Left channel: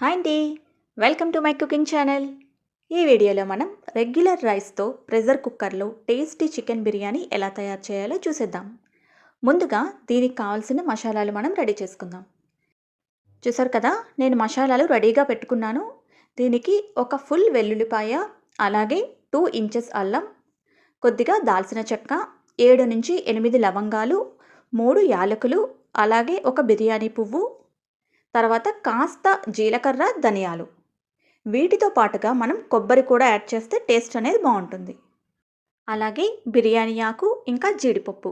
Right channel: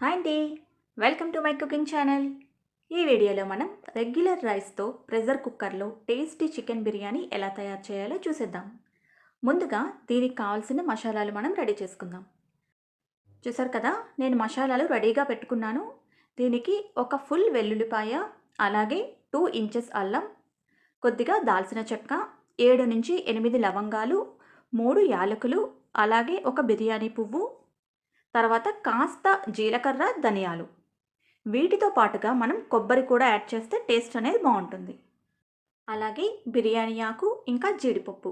Hi అండి. Welcome to my cooking channel. ఈ వీడియోలో మనం రెగ్యులర్ రైస్తో ప్రెషర్ కుక్కర్లో టేస్టీ చికెన్ బిర్యానీ ఎలా తయారు చేయాలో చూసేద్దాం. ముందుగా దీనికి కావాల్సిన మసాలాలు మనం రెడీ చేసుకుందాం. చూసారు కదా నేను మసాలాలు రెడీగా పెట్టుకున్నాను. దీనికి ఒక ఫుల్ వెల్లుల్లిపాయ అలాగే టూ ఇంచెస్ అల్లం కొద్దిగా దాల్చిన చెక్క ఏడు నుంచి ఎనిమిది లవంగాలు మూడు యాలకులు అలాగే ఒక బిర్యానీ పువ్వు తర్వాత కాస్త జీలకర్ర ధనియాలు. వీటితో పాటుగా మనం కొబ్బరి కూడా యాడ్ చేస్తే టేస్ట్ అనేది బాగుంటుంది. అలాగే బిర్యానీ ఆకు ఇంకా జీడిపప్పు.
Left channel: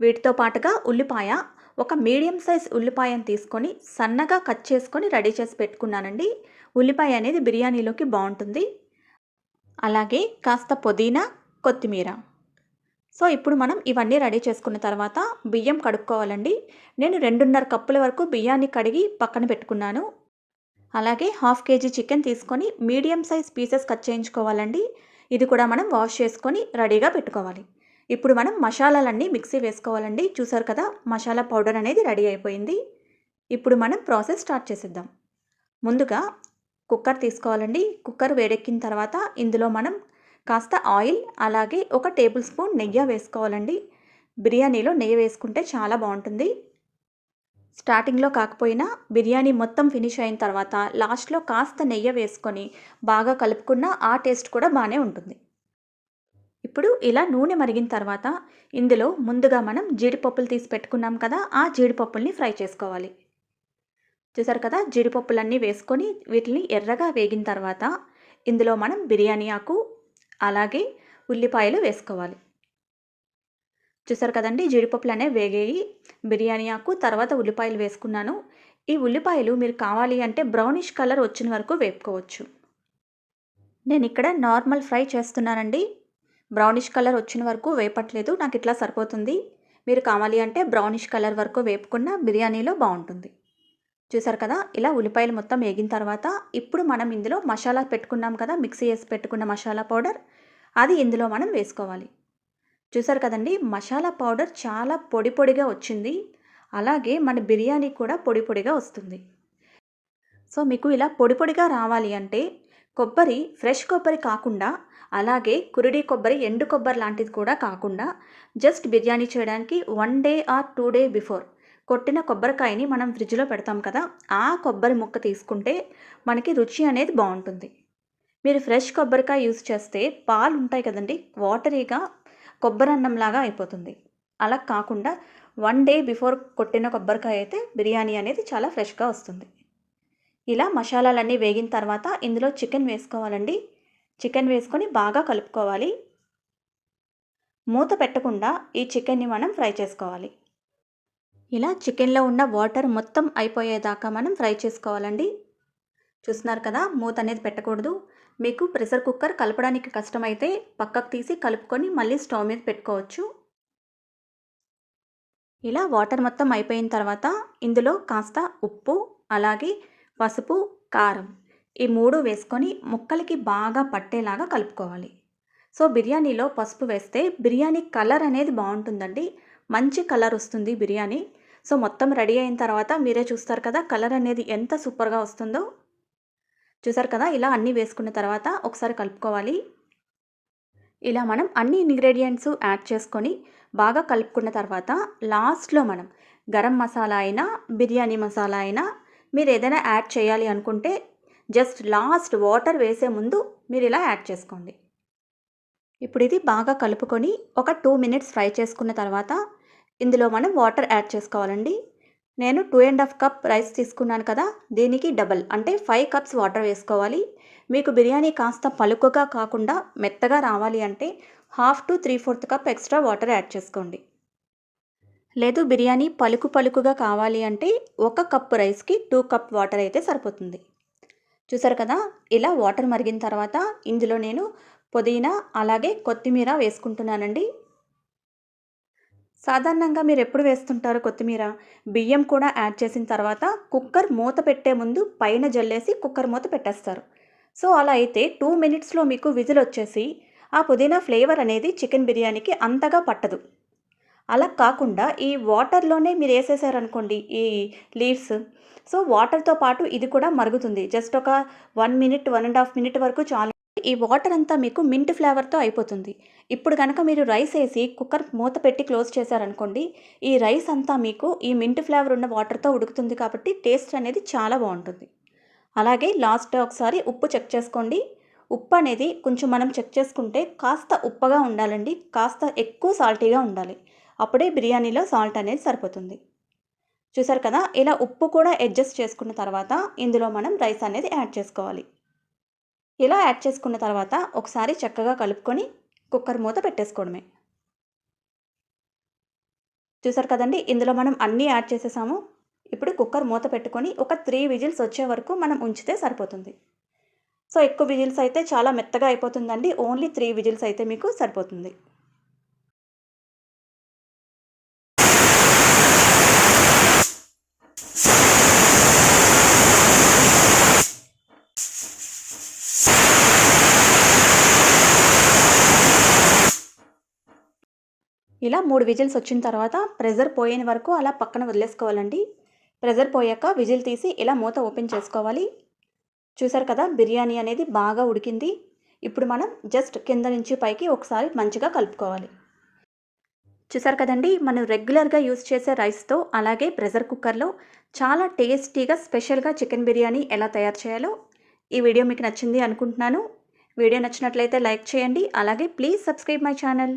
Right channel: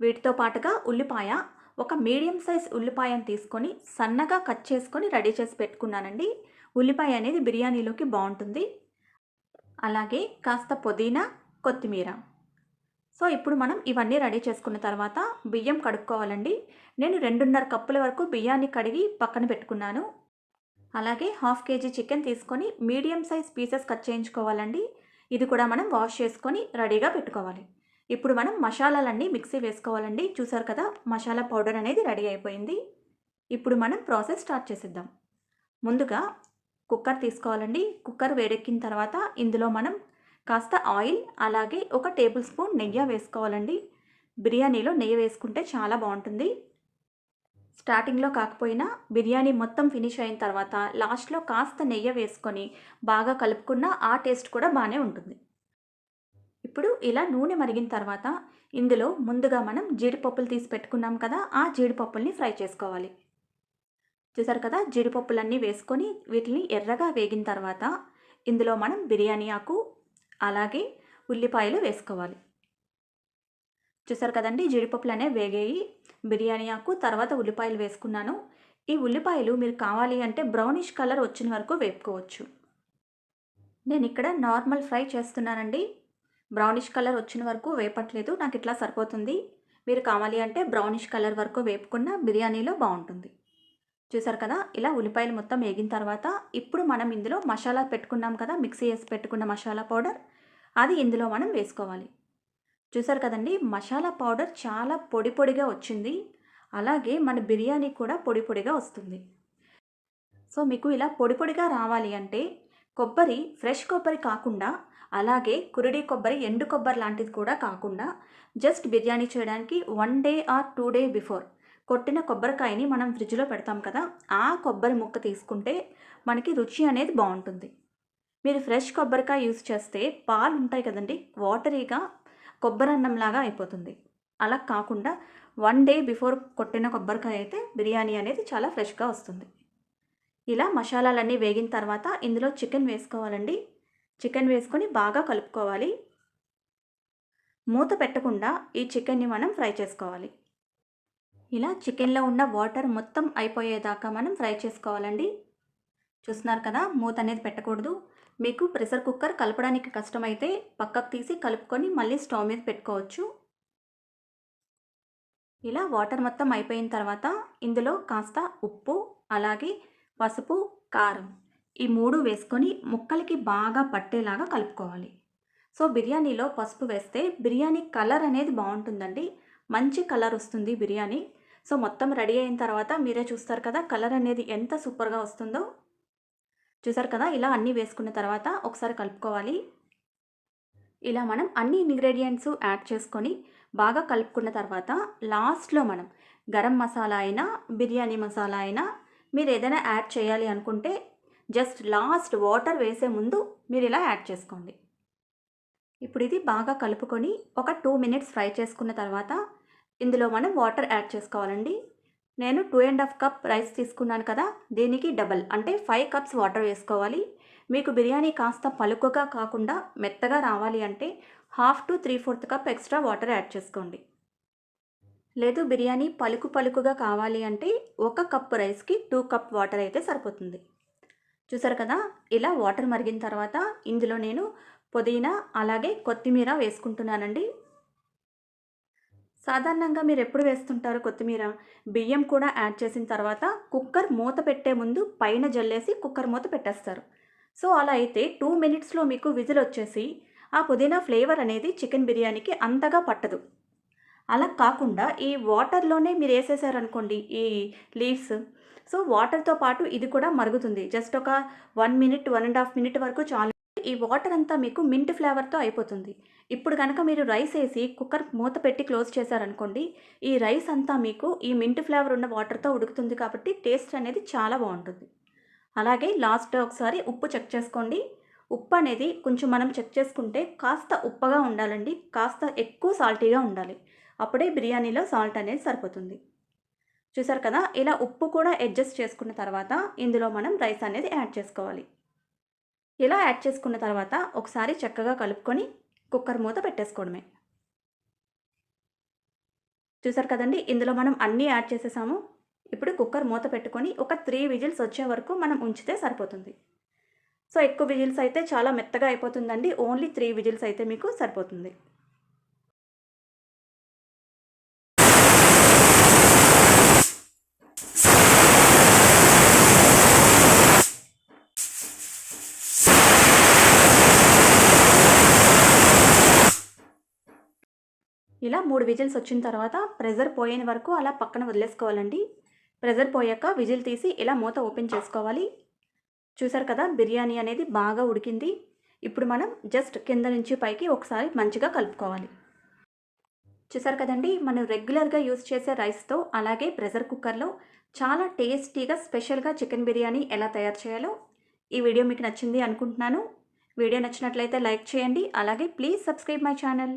వీటితో పాటుగా ఉల్లిపాయ ఒక మీడియం సైజ్ ఉల్లిపాయను తీసుకొని సన్నగా కట్ చేసుకొని రెడీ చేసి పెట్టుకున్నానండి. ఉల్లిపాయ అనేది బిర్యానీలోకి బాగుంటుంది. అలాగే కాస్త పుదీనా కొత్తిమీర. సో ఇప్పుడు మనం ఇవన్నీ రెడీ చేసుకున్న తర్వాత బియ్యం కడుక్కోవాలండి. నేను రెండున్నర కప్పుల వరకు బియ్యాన్ని కడిగి పక్కన పెట్టుకున్నాను. అలాగే హాఫ్ కేజీ చికెన్ తీసుకొని మీడియం సైజ్ పీసెస్ కట్ చేయించుకోవాలండి. ఇది కూడా మనం వాష్ చేసుకొని రెడీగా పెట్టుకోవాలి. ఇప్పుడు మనం మసాలాలన్నీ మిక్సీ వేసుకోవాలండి. చూసారు కదా మసాలా పౌడర్ అనేది రెడీ అయిపోయింది. ఇప్పుడు మనం ప్రాసెస్ స్టార్ట్ చేసేద్దాం. ముందుగా కుక్కర్ తీసుకోవాలండి. కుక్కర్ వేడెక్కిన తర్వాత ఇందులో మనం కాస్త ఆయిల్ అలాగే ఒక టేబుల్ స్పూన్ నెయ్యి వేసుకోవాలండి. బిర్యానీలో నెయ్యి వేసుకుంటే చాలా బాగుంటుంది. స్టార్టింగ్లో కాకపోయినా బిర్యానీ మొత్తం ఫినిష్ అయిన తర్వాత లాస్ట్లో కాస్త నెయ్యి వేసుకొని బాగా కలుపుకున్న ఆ టేస్ట్ కూడా బాగానే ఉంటుంది. ఇప్పుడు ఇలా నూనె మరిగిన తర్వాత ఇందులో ముందుగా మనం జీడిపప్పులు తీసి పెట్టుకున్నాం కదా ఆ జీడిపప్పుల్ని ఫ్రై చేసుకోవాలి. చూసారు కదా జీడిపప్పులన్నీ వేసుకొని వీటిని ఎర్రగా వేగిన తర్వాత ఇందులో మనం బిర్యానీ ఆకు అలాగే ఉల్లిపాయలు వేసుకోవాలి. చూసారు కదండి? జీడిపప్పులు అనేవి వేగేయి. బిర్యానీ ఆకు తర్వాత ఉల్లిపాయలు వేసుకున్నాను. ఈ ఉల్లిపాయలు మీరు కావాలి అంటే బ్రౌనిష్ కలర్ వచ్చిన వరకు వేపుకోవచ్చు. నేను ఇక్కడ నార్మల్ ఫ్రై చేస్తున్నానండి. బ్రౌనిష్ కలర్ వచ్చిన వరకు వేపట్లేదు. నాకు ఇట్లా సరిపోతుంది. మీరు కావాలి అంటే బ్రౌనిష్ కలర్ వరకు వేపుకున్న బిర్యానీలో బాగుంటుంది. చూసారు కదా? ఇలా ఉల్లిపాయలు మొత్తం వేగిన తర్వాత ఇప్పుడు మనం ఇందులో మసాలా పెట్టుకున్నాం కదా? మిక్సీ చేసి పెట్టుకున్న మసాలా పౌడర్. అది ఇందులో మనం వేసుకోవాలి. చూసారు కదండి? మసాలా పౌడర్ చాలా పొడి పొడిగా వచ్చింది. అలాగే మన బిర్యానీ కూడా పొడి పొడిగా వస్తుంది. సో మీకు ఇలా పొడి పొడిగా రావాలి అంటే కొబ్బరి ఫ్రెష్ కొబ్బరి కాకుండా అలాగే కురిడి కొబ్బరి ఎండు కొబ్బరి లాంటిది కూడా కాకుండా జస్ట్ బిర్యానీ చేయడానికి one day or two day before కొట్టిన కొబ్బరికాయని మనం ఫ్రిడ్జ్లో పెడతాం కదా ఆ కొబ్బరి ముక్క తీసుకుంటే మనకి రుచి అనేది బాగుంటుంది. మీరు ఫ్రెష్ కొబ్బరికాయ యూస్ చేస్తే పాలు ఉంటాయి కదండి వాటరీగా కొబ్బరి అన్నంలాగా అయిపోతుంది. అలా కాకుండా వన్ డే బిఫోర్ కొట్టిన కొబ్బరికాయ అయితే బిర్యానీ అనేది చాలా ఫ్రెష్గా వస్తుంది. ఇలా మసాలాలన్నీ వేగిన తర్వాత ఇందులో చికెన్ వేసుకోవాలండి. చికెన్ వేసుకొని బాగా కలుపుకోవాలి. మూత పెట్టకుండా ఈ చికెన్ని మనం ఫ్రై చేసుకోవాలి. ఇలా చికెన్లో ఉన్న వాటర్ మొత్తం అయిపోయేదాకా మనం ఫ్రై చేసుకోవాలండి. చూస్తున్నారు కదా మూత అనేది పెట్టకూడదు. మీకు ప్రెషర్ కుక్కర్ కలపడానికి కష్టమైతే పక్కకు తీసి కలుపుకొని మళ్ళీ స్టవ్ మీద పెట్టుకోవచ్చు. ఇలా వాటర్ మొత్తం అయిపోయిన తర్వాత ఇందులో కాస్త ఉప్పు అలాగే పసుపు కారం ఈ మూడు వేసుకొని ముక్కలకి బాగా పట్టేలాగా కలుపుకోవాలి. సో బిర్యానీలో పసుపు వేస్తే బిర్యానీ కలర్ అనేది బాగుంటుందండి. మంచి కలర్ వస్తుంది బిర్యానీ. సో మొత్తం రెడీ అయిన తర్వాత మీరే చూస్తారు కదా కలర్ అనేది ఎంత సూపర్గా వస్తుందో. చూసారు కదా ఇలా అన్నీ వేసుకున్న తర్వాత ఒకసారి కలుపుకోవాలి. ఇలా మనం అన్ని ఇంగ్రీడియంట్స్ యాడ్ చేసుకొని బాగా కలుపుకున్న తర్వాత లాస్ట్లో మనం గరం మసాలా అయినా బిర్యానీ మసాలా అయినా మీరు ఏదైనా యాడ్ చేయాలి అనుకుంటే జస్ట్ లాస్ట్ వాటర్ వేసే ముందు మీరు ఇలా యాడ్ చేసుకోండి. ఇప్పుడు ఇది బాగా కలుపుకొని ఒక టూ మినిట్స్ ఫ్రై చేసుకున్న తర్వాత ఇందులో మనం వాటర్ యాడ్ చేసుకోవాలండి. నేను two and half cup rice తీసుకున్నాను కదా దీనికి డబల్ అంటే ఫైవ్ కప్స్ వాటర్ వేసుకోవాలి. మీకు బిర్యానీ కాస్త పలుకగా కాకుండా మెత్తగా రావాలి అంటే half to three fourth cup extra water add చేసుకోండి. లేదు బిర్యానీ పలుకు పలుకుగా కావాలి అంటే ఒక కప్ రైస్కి టూ కప్ వాటర్ అయితే సరిపోతుంది. చూసారు కదా ఇలా వాటర్ మరిగిన తర్వాత ఇందులో నేను పుదీనా అలాగే కొత్తిమీర వేసుకుంటున్నానండి. సాధారణంగా మీరు ఎప్పుడు వేస్తుంటారు కొత్తిమీర? బియ్యం కూడా యాడ్ చేసిన తర్వాత కుక్కర్ మూత పెట్టే ముందు పైన జల్లేసి కుక్కర్ మూత పెట్టేస్తారు. సో అలా అయితే టూ మినిట్స్లో మీకు విజిల్ వచ్చేసి ఆ పుదీనా ఫ్లేవర్ అనేది చికెన్ బిర్యానీకి అంతగా పట్టదు. అలా కాకుండా ఈ వాటర్లోనే మీరు వేసేసారనుకోండి ఈ లీవ్స్ సో వాటర్తో పాటు ఇది కూడా మరుగుతుంది. జస్ట్ ఒక one minute one and half minute వరకు చాలు ఈ వాటర్ అంతా మీకు మింట్ ఫ్లేవర్తో అయిపోతుంది. ఇప్పుడు కనుక మీరు రైస్ వేసి కుక్కర్ మూత పెట్టి క్లోజ్ చేశారనుకోండి ఈ రైస్ అంతా మీకు ఈ మింట్ ఫ్లేవర్ ఉన్న వాటర్తో ఉడుకుతుంది కాబట్టి టేస్ట్ అనేది చాలా బాగుంటుంది. అలాగే లాస్ట్ ఒకసారి ఉప్పు చెక్ చేసుకోండి. ఉప్పు అనేది కొంచెం మనం చెక్ చేసుకుంటే కాస్త ఉప్పగా ఉండాలండి కాస్త ఎక్కువ సాల్టీగా ఉండాలి. అప్పుడే బిర్యానీలో సాల్ట్ అనేది సరిపోతుంది. చూసారు కదా ఇలా ఉప్పు కూడా అడ్జస్ట్ చేసుకున్న తర్వాత ఇందులో మనం రైస్ అనేది యాడ్ చేసుకోవాలి. ఇలా యాడ్ చేసుకున్న తర్వాత ఒకసారి చక్కగా కలుపుకొని కుక్కర్ మూత పెట్టేసుకోవడమే. చూసారు కదండి? ఇందులో మనం అన్నీ యాడ్ చేసేసాము. ఇప్పుడు కుక్కర్ మూత పెట్టుకొని ఒక త్రీ విజిల్స్ వచ్చే వరకు మనం ఉంచితే సరిపోతుంది. సో ఎక్కువ విజిల్స్ అయితే చాలా మెత్తగా అయిపోతుందండి. ఓన్లీ త్రీ విజిల్స్ అయితే మీకు సరిపోతుంది. ఇలా మూడు విజిల్స్ వచ్చిన తర్వాత ప్రెజర్ పోయేని వరకు అలా పక్కన వదిలేసుకోవాలండి. ప్రెజర్ పోయాక విజిల్ తీసి ఇలా మూత ఓపెన్ చేసుకోవాలి. చూసారు కదా బిర్యానీ అనేది బాగా ఉడికింది. ఇప్పుడు మనం జస్ట్ కింద నుంచి పైకి ఒకసారి మంచిగా కలుపుకోవాలి. చూసారు కదండి మనం రెగ్యులర్గా యూస్ చేసే రైస్తో అలాగే ప్రెషర్ కుక్కర్లో చాలా టేస్టీగా స్పెషల్గా చికెన్ బిర్యానీ ఎలా తయారు చేయాలో ఈ వీడియో మీకు నచ్చింది అనుకుంటున్నాను. వీడియో నచ్చినట్లయితే లైక్ చేయండి. అలాగే please subscribe my channel.